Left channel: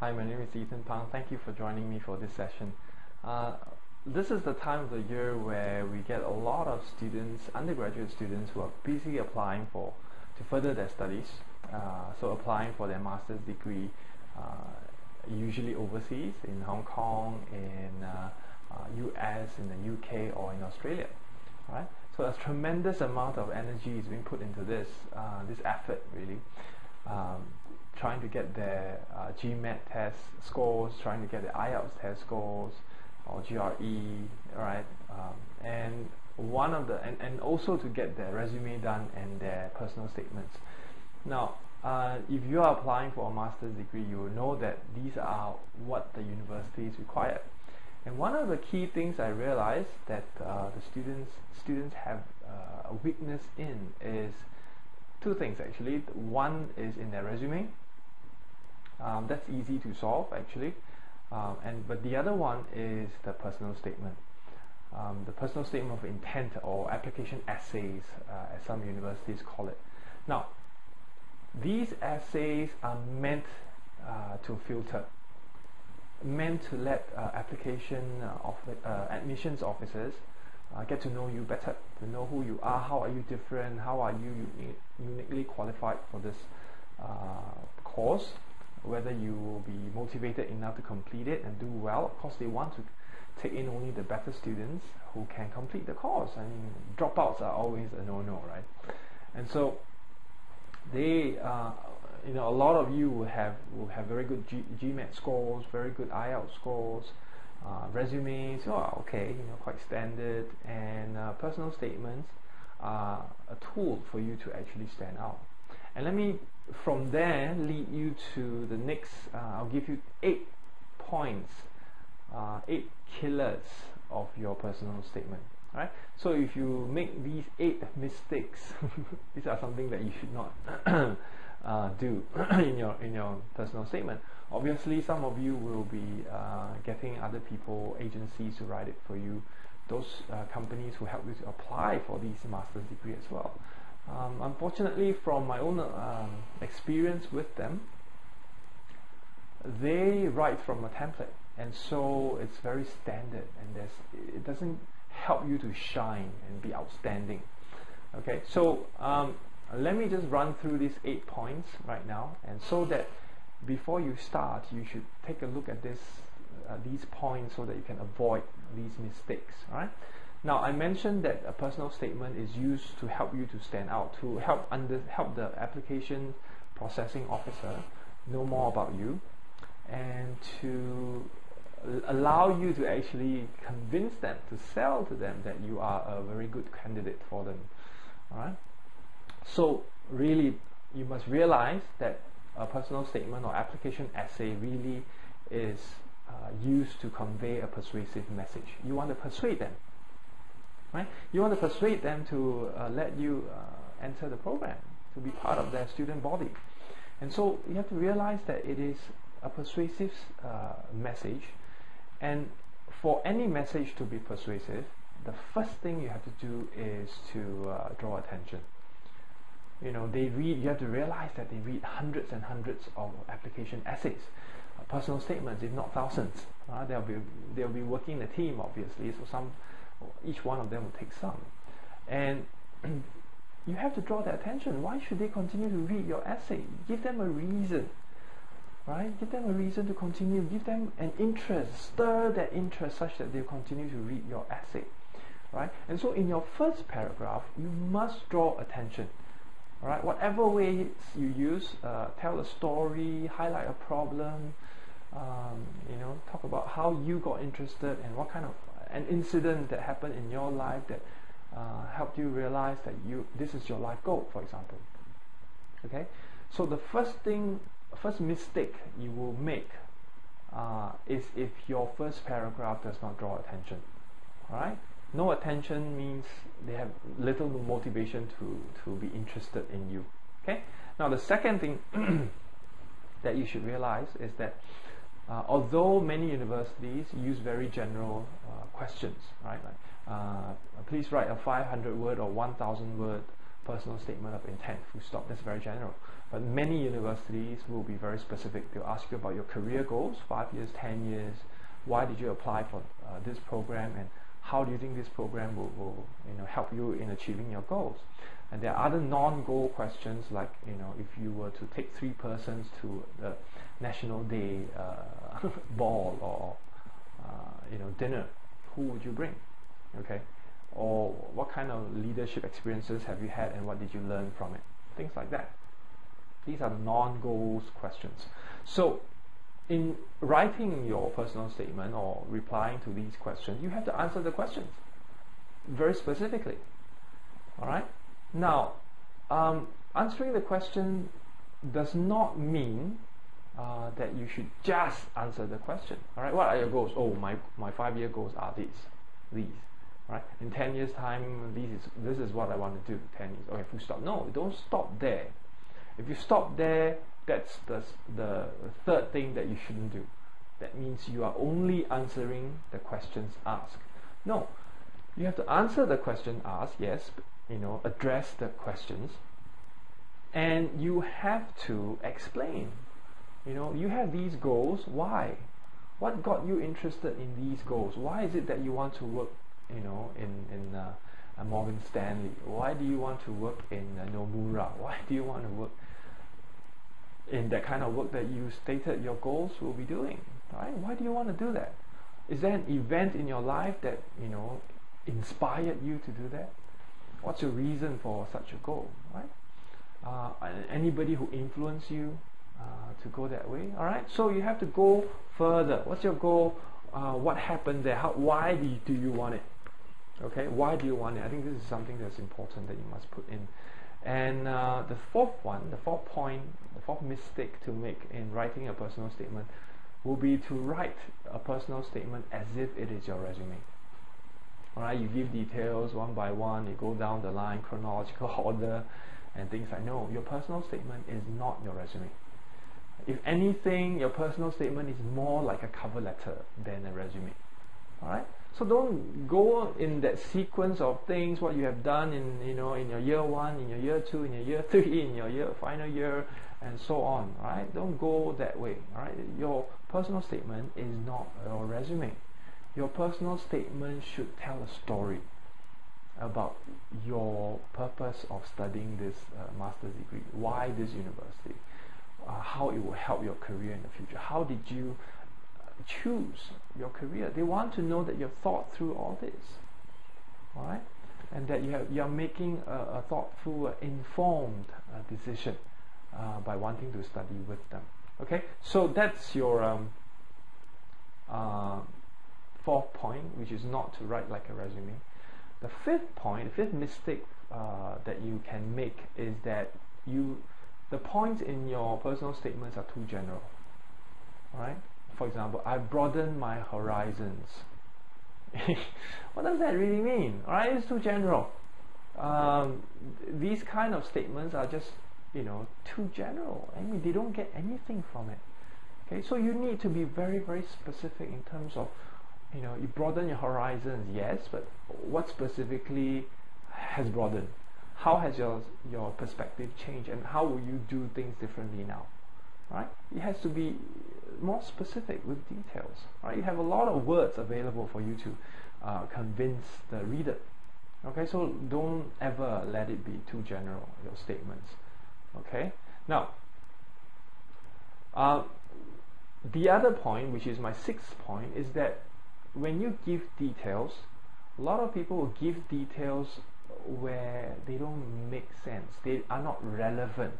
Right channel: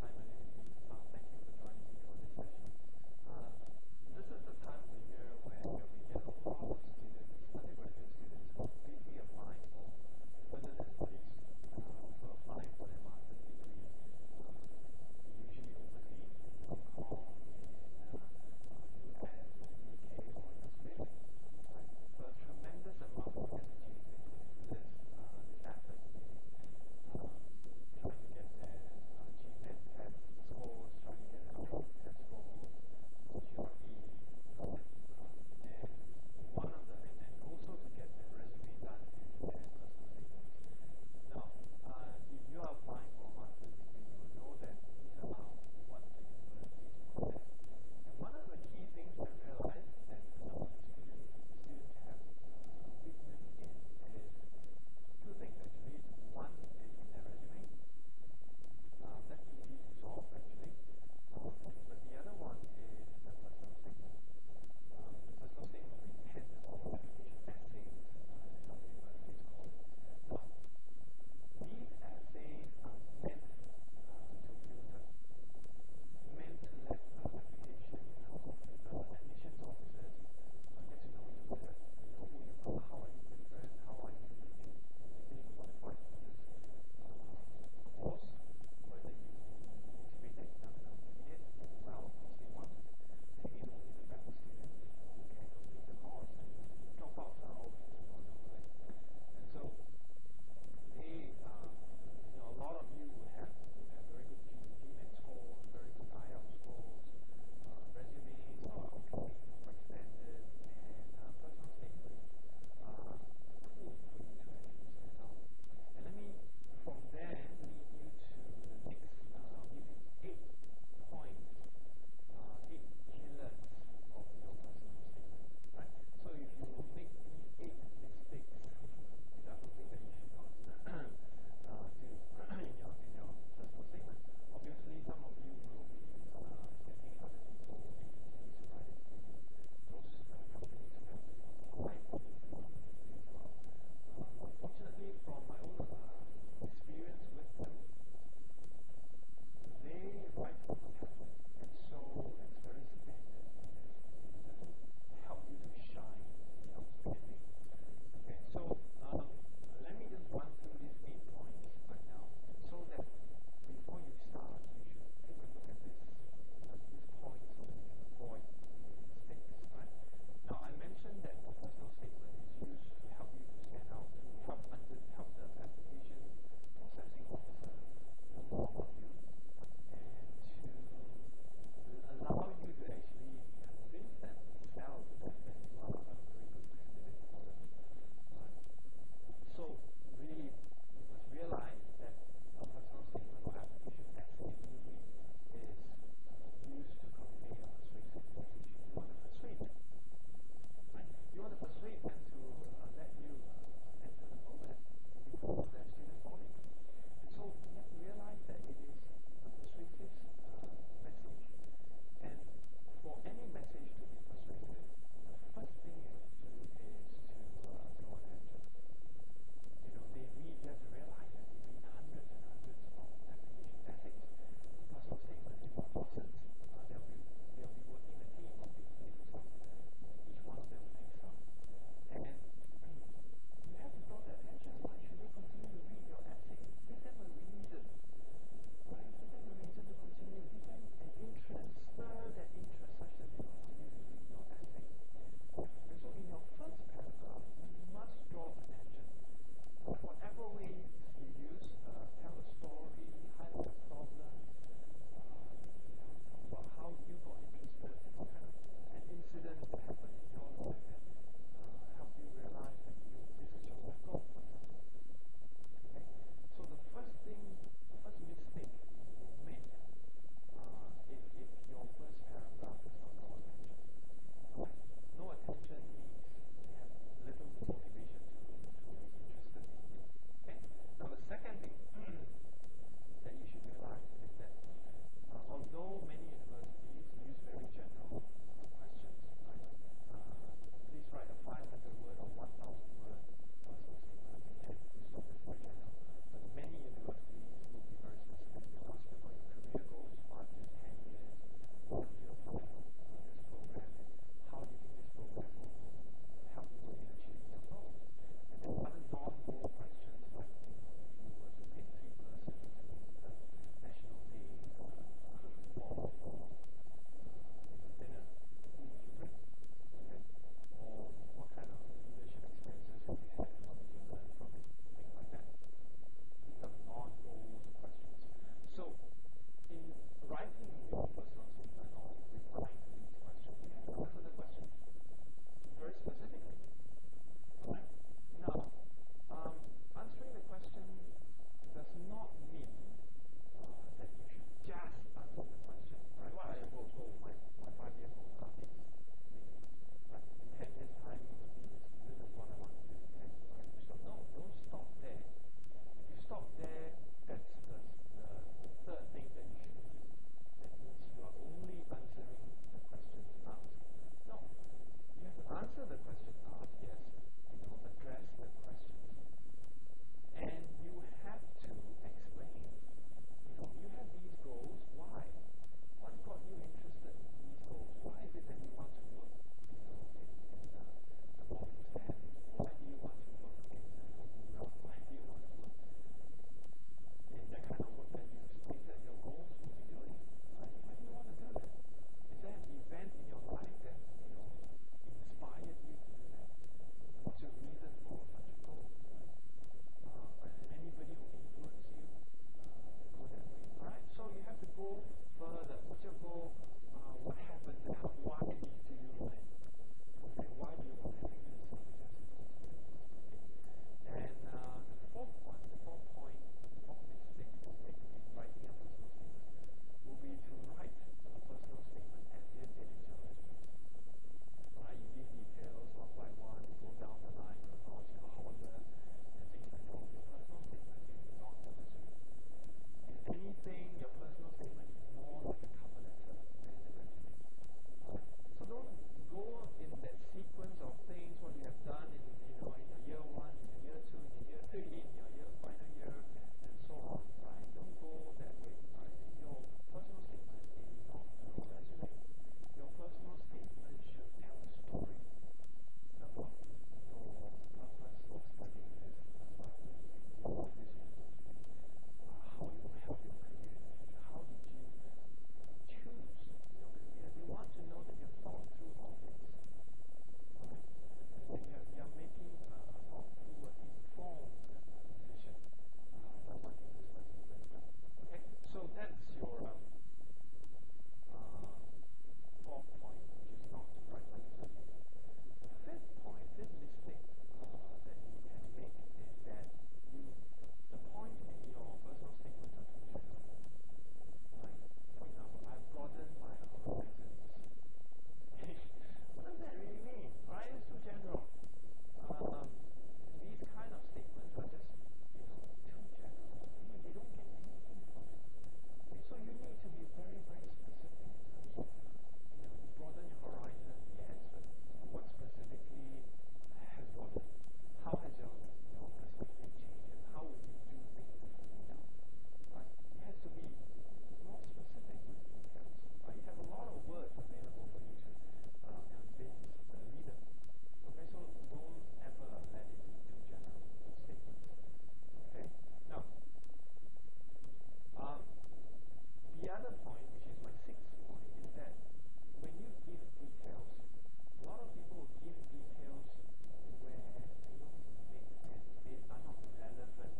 Hi, my name is Ethan Pang. Thank you for joining me for this session. This is the time of the year where we get a lot of students, undergraduate students, who are busy applying to further their studies. So applying for their master's degree, usually overseas, in Hong Kong, in US, in the UK, or in Australia. Right? So a tremendous amount of energy is being put into this effort, really. Trying to get their GMAT test scores, trying to get the IELTS test scores, or GRE, right? And also to get their resume done and their personal statements. Now, if you are applying for a master's degree, you will know that these are what the universities require. And one of the key things I realized that the students have a weakness in is two things actually. One is in their resume. That's easy to solve actually, but the other one is the personal statement. The personal statement of intent, or application essays, as some universities call it. Now, these essays are meant to filter, meant to let admissions officers get to know you better, to know who you are, how are you different, how are you uniquely qualified for this course, whether you will be motivated enough to complete it and do well. Of course, they want to take in only the better students who can complete the course. I mean, dropouts are always a no-no, right? And so they, a lot of you will have very good GMAT scores, very good IELTS scores, resumes, okay, quite standard, and personal statements are a tool for you to actually stand out. And let me, from there, lead you to the next. I'll give you 8 points, 8 killers of your personal statement. Right? So if you make these 8 mistakes, these are something that you should not do in your personal statement. Obviously, some of you will be getting other people, agencies to write it for you. Those companies who help you to apply for these master's degree as well. Unfortunately, from my own experience with them, they write from a template, and so it's very standard, and it doesn't help you to shine and be outstanding. Okay, so let me just run through these 8 points right now, and so that before you start, you should take a look at these points so that you can avoid these mistakes. Right? Now, I mentioned that a personal statement is used to help you to stand out, to help the application processing officer know more about you, and to allow you to actually convince them, to sell to them that you are a very good candidate for them. All right? So really, you must realize that a personal statement or application essay really is used to convey a persuasive message. You want to persuade them. Right? You want to persuade them to let you enter the program, to be part of their student body. And so you have to realize that it is a persuasive message, and for any message to be persuasive, the first thing you have to do is to draw attention. You have to realize that they read hundreds and hundreds of application essays, personal statements, if not thousands. They'll be working in a team, obviously, so each one of them will take some, and you have to draw their attention. Why should they continue to read your essay? Give them a reason, right? Give them a reason to continue. Give them an interest, stir their interest such that they'll continue to read your essay, right? And so in your first paragraph, you must draw attention, right? Whatever way you use, tell a story, highlight a problem, talk about how you got interested and what kind of an incident that happened in your life that helped you realize that this is your life goal, for example. Okay, so the first mistake you will make is if your first paragraph does not draw attention. All right, no attention means they have little motivation to be interested in you. Okay, now the second thing that you should realize is that although many universities use very general questions, right? Please write a 500-word or 1,000-word personal statement of intent, full stop. That's very general. But many universities will be very specific. They'll ask you about your career goals, 5 years, 10 years. Why did you apply for this program, and how do you think this program will help you in achieving your goals? And there are other non-goal questions, like if you were to take 3 persons to the National Day ball or dinner, who would you bring? Okay, or what kind of leadership experiences have you had, and what did you learn from it? Things like that. These are non-goals questions. So in writing your personal statement or replying to these questions, you have to answer the questions very specifically. All right. Now, answering the question does not mean that you should just answer the question. All right. What are your goals? Oh, my 5-year goals are these. Right. In 10 years' time, this is what I want to do. 10 years. Okay, full stop. No, don't stop there. If you stop there, that's the third thing that you shouldn't do. That means you are only answering the questions asked. No, you have to answer the question asked, yes, address the questions, and you have to explain. You have these goals. Why? What got you interested in these goals? Why is it that you want to work, in Morgan Stanley? Why do you want to work in Nomura? Why do you want to work in that kind of work that you stated your goals will be doing? Right? Why do you want to do that? Is there an event in your life that inspired you to do that? What's your reason for such a goal? Right? Anybody who influenced you to go that way? All right. So you have to go further. What's your goal? What happened there? Why do you want it? Okay. Why do you want it? I think this is something that's important that you must put in. And the fourth mistake to make in writing a personal statement will be to write a personal statement as if it is your resume. Alright, you give details one by one, you go down the line, chronological order, and things like no, your personal statement is not your resume. If anything, your personal statement is more like a cover letter than a resume. Alright? So don't go in that sequence of things, what you have done in in your year 1, in your year 2, in your year 3, in your final year, and so on. Right? Don't go that way. Alright? Your personal statement is not your resume. Your personal statement should tell a story about your purpose of studying this master's degree, why this university, how it will help your career in the future. How did you choose your career? They want to know that you've thought through all this, all right, and that you're making a thoughtful, informed decision by wanting to study with them. Okay, so that's your fourth point, which is not to write like a resume. The fifth mistake that you can make is that the points in your personal statements are too general. All right. For example, I've broadened my horizons. What does that really mean? All right, it's too general. These kind of statements are just too general. I mean, they don't get anything from it. Okay, so you need to be very, very specific in terms of you broaden your horizons, yes, but what specifically has broadened? How has your perspective changed, and how will you do things differently now? Right? It has to be more specific with details. Right? You have a lot of words available for you to convince the reader. Okay, so don't ever let it be too general, your statements. Okay, now the other point, which is my sixth point, is that when you give details, a lot of people will give details where they don't make sense. They are not relevant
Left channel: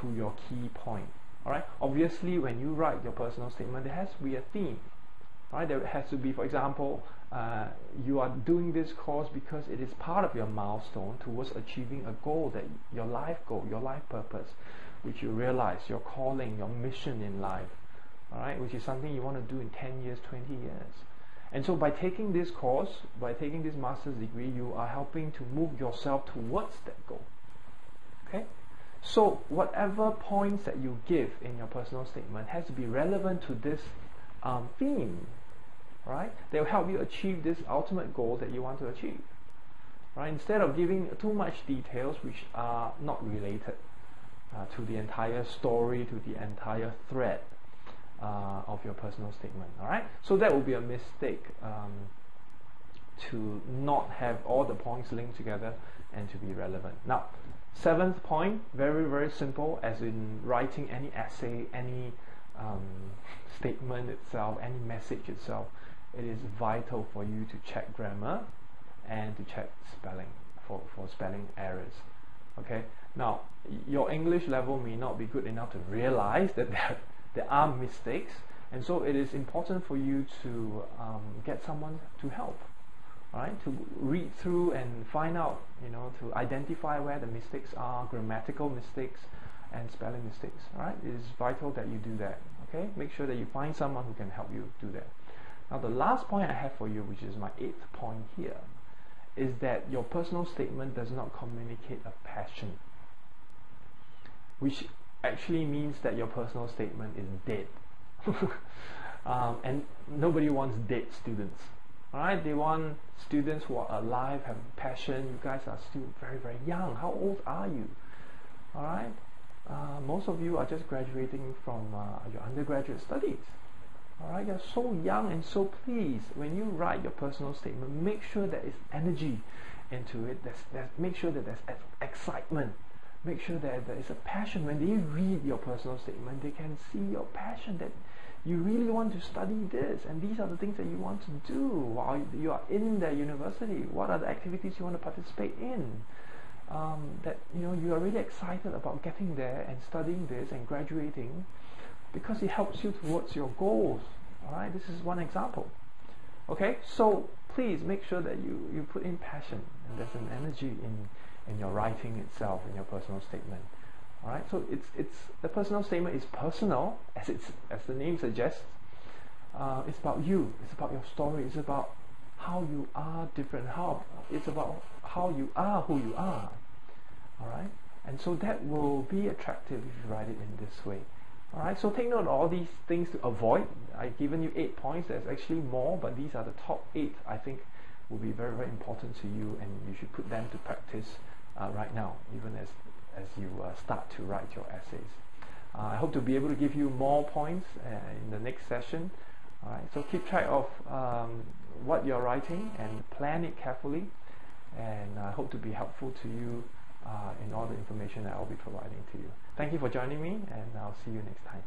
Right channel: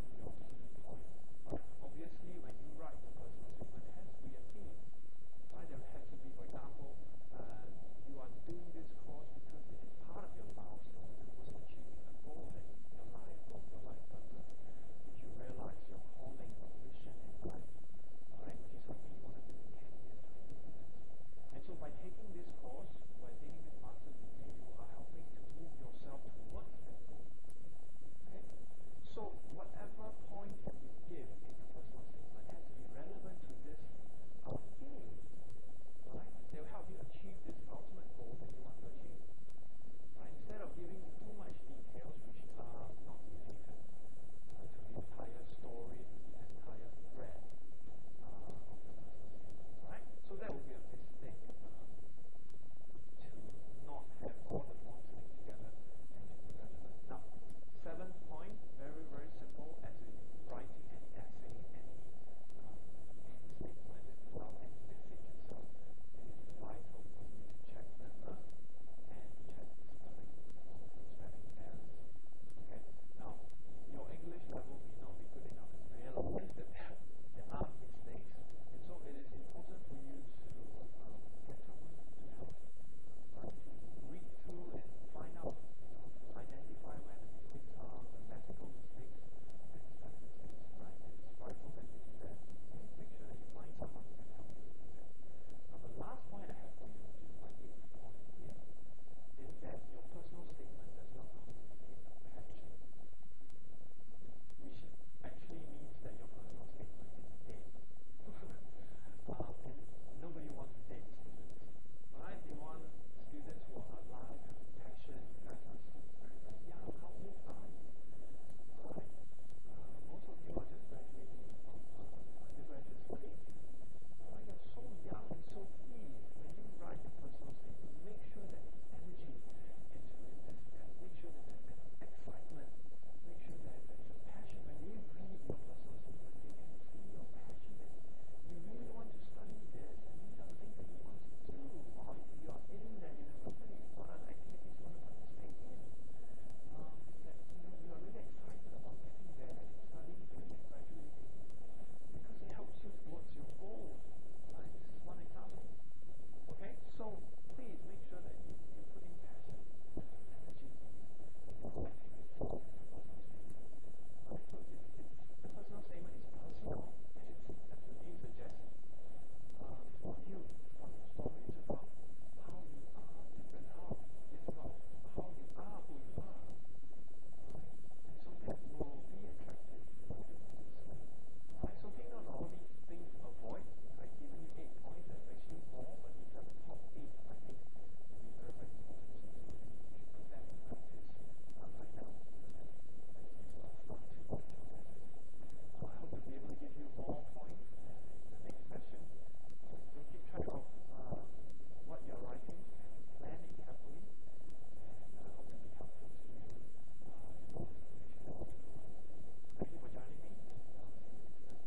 to your key point. Alright, obviously when you write your personal statement, there has to be a theme. Right? There has to be, for example, you are doing this course because it is part of your milestone towards achieving a goal, that your life goal, your life purpose, which you realize, your calling, your mission in life. Alright, which is something you want to do in 10 years, 20 years. And so by taking this course, by taking this master's degree, you are helping to move yourself towards that goal. Okay? So whatever points that you give in your personal statement has to be relevant to this theme, right? They will help you achieve this ultimate goal that you want to achieve, right? Instead of giving too much details which are not related, to the entire story, to the entire thread of your personal statement. All right, so that would be a mistake, to not have all the points linked together and to be relevant. Now, seventh point, very, very simple, as in writing any essay, any statement itself, any message itself, it is vital for you to check grammar and to check spelling for spelling errors. Okay, now your English level may not be good enough to realize that there are mistakes, and so it is important for you to get someone to help. Alright, to read through and find out, to identify where the mistakes are, grammatical mistakes and spelling mistakes. Alright, it is vital that you do that. Okay, make sure that you find someone who can help you do that. Now, the last point I have for you, which is my 8th point here, is that your personal statement does not communicate a passion, which actually means that your personal statement is dead. And nobody wants dead students. Alright, they want students who are alive, have passion. You guys are still very, very young. How old are you? Alright, most of you are just graduating from your undergraduate studies. Alright, you're so young, and so please, when you write your personal statement, make sure there is energy into it. Make sure that there's excitement. Make sure that there is a passion. When they read your personal statement, they can see your passion, that you really want to study this, and these are the things that you want to do while you are in the university. What are the activities you want to participate in? That you are really excited about getting there and studying this and graduating, because it helps you towards your goals. Alright, this is one example. Okay, so please make sure that you put in passion, and there's an energy in your writing itself, in your personal statement. Alright, so it's the personal statement is personal, as the name suggests. It's about you, it's about your story, it's about how you are different, it's about how you are who you are. Alright, and so that will be attractive if you write it in this way. Alright, so take note of all these things to avoid. I've given you 8 points. There's actually more, but these are the top 8 I think will be very, very important to you, and you should put them to practice right now, even as you start to write your essays. I hope to be able to give you more points in the next session. Alright, so keep track of what you're writing and plan it carefully, and I hope to be helpful to you in all the information that I'll be providing to you. Thank you for joining me, and I'll see you next time.